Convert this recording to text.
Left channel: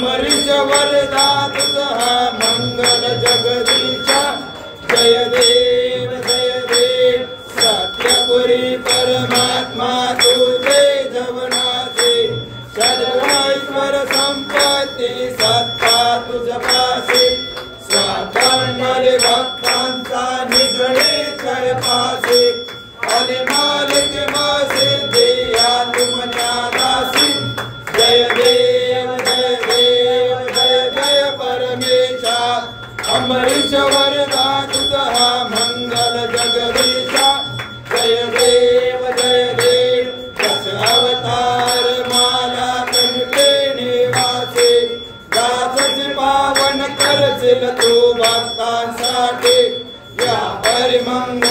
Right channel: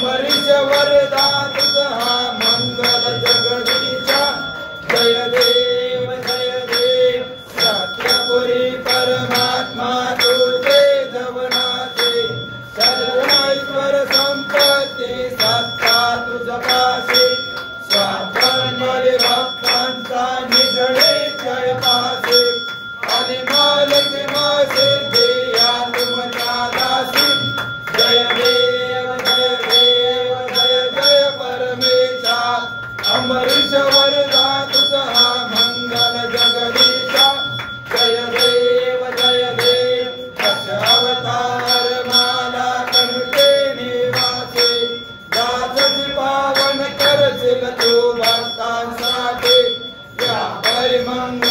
अमरीश वरदा तुझा मंगल जगदीशा जय देव सत्यपुरी परमात्मा तुझे जवनाचे सर्वेश्वर संपत्ती सत्ता तुझ पासे स्वातंत्र्य भक्तांचा निजळे कळपासे आणि मालिक मासे देया तुमच्या दासी जय देव जय परमेशा अमरीश वरदा तुझा मंगल जगदीशा जय देव दश अवतार माला कनके निवासे दासच पावन करशील तू भक्तांसाठी या परिमंगल